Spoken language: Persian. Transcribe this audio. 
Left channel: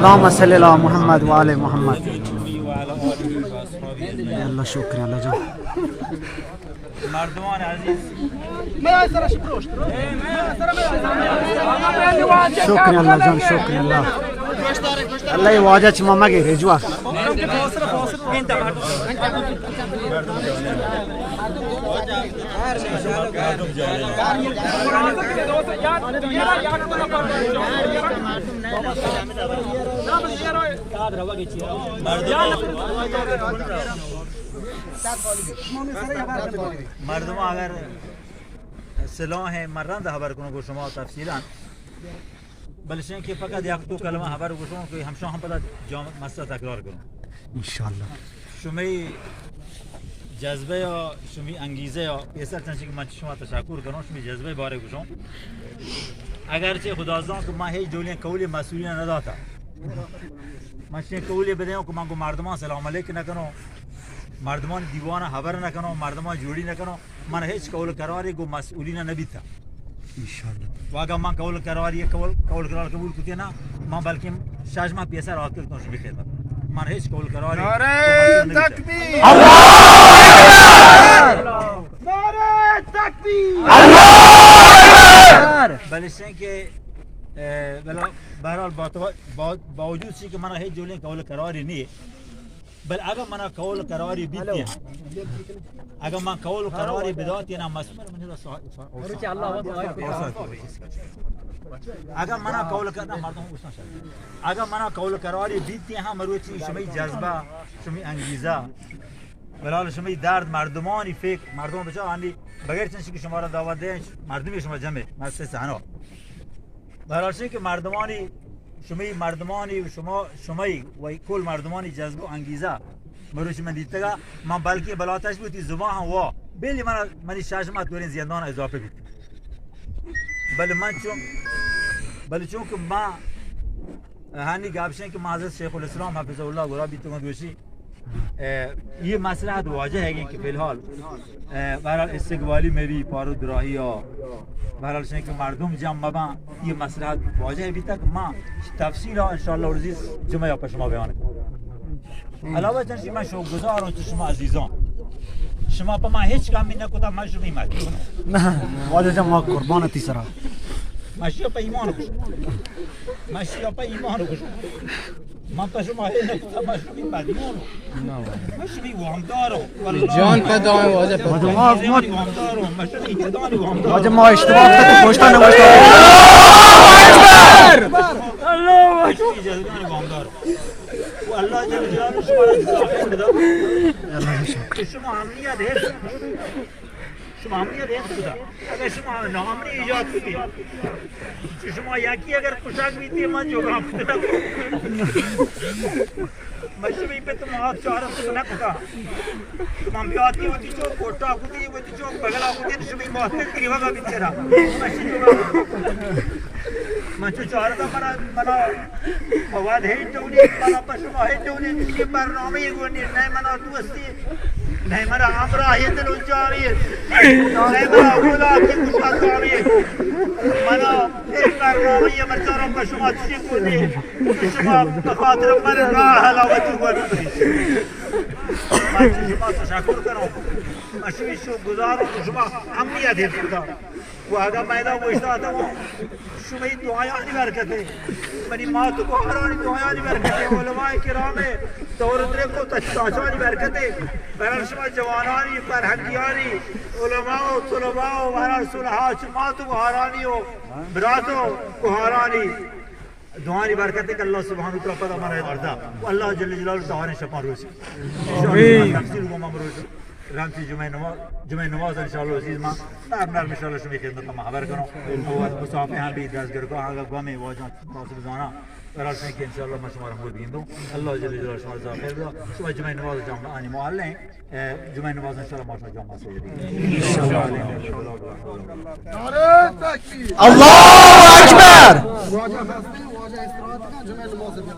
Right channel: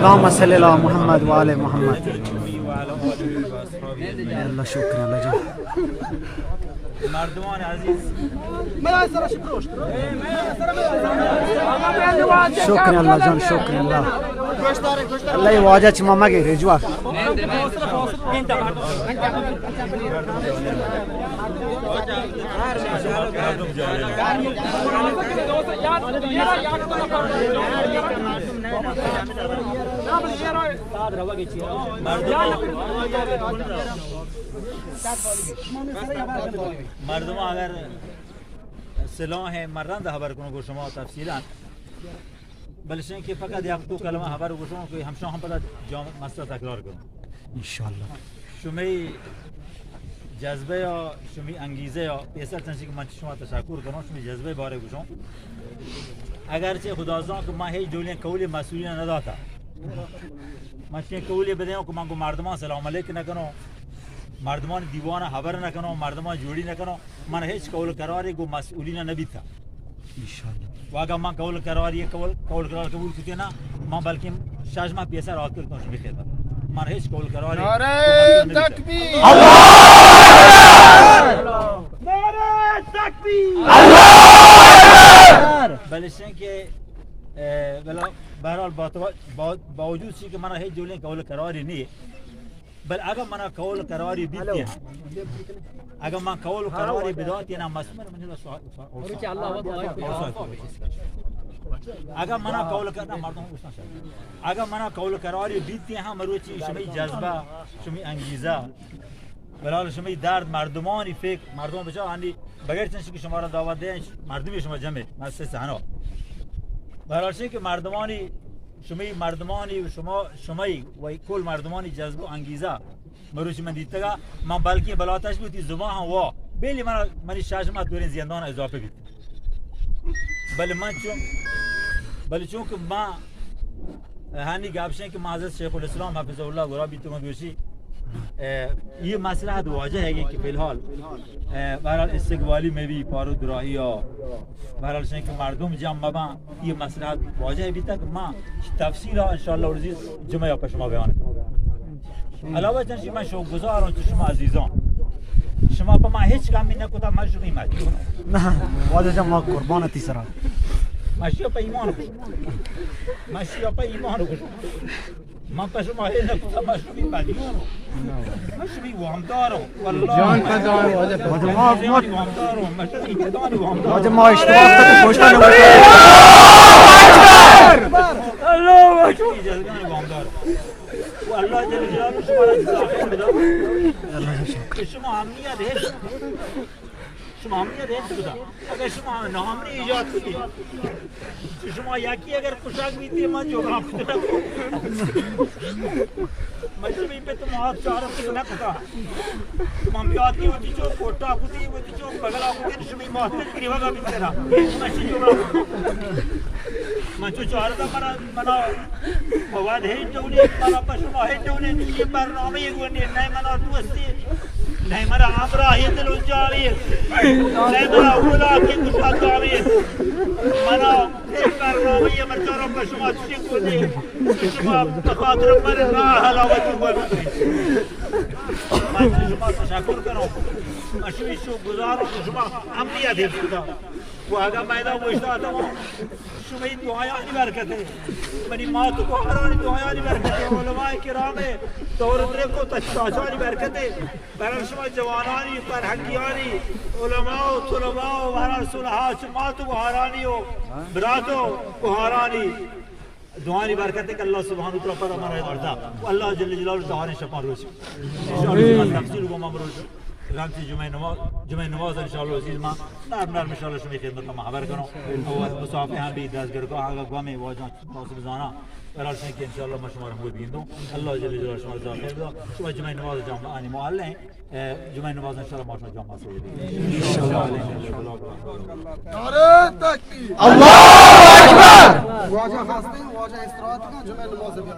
اللهم صل على محمد و آل محمد. وعلى آله وأصحابه أجمعين. الله شكرا الله جان. مردمان عزیز شكرا الله جان شكرا الله. الله يواجه ما مگه رجوع. مردم اگر سلاح مرند خبر کنه که شما تفصیلا بلشن که فقط یک دو کلمه خبر گوشم که همشون هم بعد جامع مسئله تکرار کنم ان شاء الله. شمی جذبه یا شمی انگیزه یا پیسر تنشی که من شما تشکر کنم شمی جذبه باره گوشم اگرچه خدازان که من هیچ دولی کولی مسئولی نداتا من چه کولی بدهم که من کو مردمان سلام علیک نکنم مردمان دیوانه خبر نکنم مردمان جوڑی نکنم من هیچ قول قراری کو مسئولین نبیتا ان شاء الله. و اگر من قول قراری قول قرار قبول کتی نه من بلکه شش ماه پیسر آکل کنم شمی خدمت من هیچ قول قراری نعره تکبیر نعره تکبیر بلشن که به هر حال با وجود چی که من هیچ جولی قول قراری نی بل اگر من قول قراری بیتی اگر من قول قراری بداتی نه مسئول من اگر من قول کردم مردم گوشتن شد اگر من قول قراری بیتی هم مروچی شمی جذبه شمی انگیزه بلال شمی درد مردمانی فکر مردم بچه هندی بغیر چنشی که شما را دعوت دهن مردمی شما جمع مؤسسه سحنا بلال که مردمانی و شمایی و کل مردمانی جذب و انگیزه مروچی من دیدتگا من بلکه بلاتش بودی زمان هم وا بیلی منی شاشمات دورین زیندان اضافه بیت بله چون که ما هنی گابشن که معزز شیخ الاسلام حفظه الله گرا بیتون دوشی یہ مسئلہ واضح ہے کہ فی الحال بہرحال استقبالی میں بھی پارو دراہی اور بہرحال سے کہ مردم جمع مبا یہ مسئلہ واضح ہے ابھی تک ماں تفصیل انشاءاللہ عزیز جمعہ پر شما بیان کریں علاوہ چنشی میں شوقگزار ہوں شما عزیزان شما پا ما هیچ کامی نکتا ما شما ایمانی نه واجه جان ما قربانتی سرا ماشی پا ایمان کشم ماشی پا ایمان کشم من پس ما هیچ نکتا ما شما ایمانی ما شما وامدارم جان پدام واجه ما وامدارم ما شما ایدانی وامدارم واجه ما اشتباه کرده پشتا نماشته الله اکبر ایدانی وامدارم و الله جل جلاله شما را جزا خیر بده که شما امنیت حفظ بده اگر شما ناامنی ایجاد کنید که شما یکی اگر کشک بیتی من جبران کنم من شما این به تو محاط چهارم تو نکتا من بیاتی و تی چوک کوٹا کتی و تی چوک بغلا کتی شما این محاط کری وگا بیتی را من چی جبران کنم من چو چهارتا منا مواد هیچ دونی منا پشما هیچ دونی که برنامه گونی نه منا دوستی نه منا همراهی دل اونجاویه نه منا اولا که گوشت جاویه منا یک برنامه مرچارا پشما چی گونی که شما بخاطر من راه حلاوتی هوا بکنید من شما تشکر کنم من شو گزارم شما امنیت حفظ کنم و اگر میدان گوشتا آتا شما این دعایانی برکته منی ماتو کو حرانی دعایانی برکته علماء کرام دورتره کو تشتاشانی برکته برای شما جوانانی فرهنگیانی علماء و طلباء و برای صلحات ماتو کو حرانی و براتو کو حرانی دعانی برکته که الله سبحانه و تعالی پر امانه بردا و الله جل جلاله دعانی شفا روش ان تفصیل کو ممروز رانتی جمعه نماز انشاءالله عزیز ما نرم انشاءالله شما خدمت ما خبر کنم و مسافه هم بی دستگرگاه آقا گوامی واجان ناصب زانا برای که انشاءالله ما شما را بود بگیردم الله جل جلاله شما را خیر بده شما جمعه نماز جامعه آنی معلم جمعه نماز انشاءالله ما شما جامعه سید نعره تکبیر الله اکبر. واجه هستی واجه استراحت جمعه نماز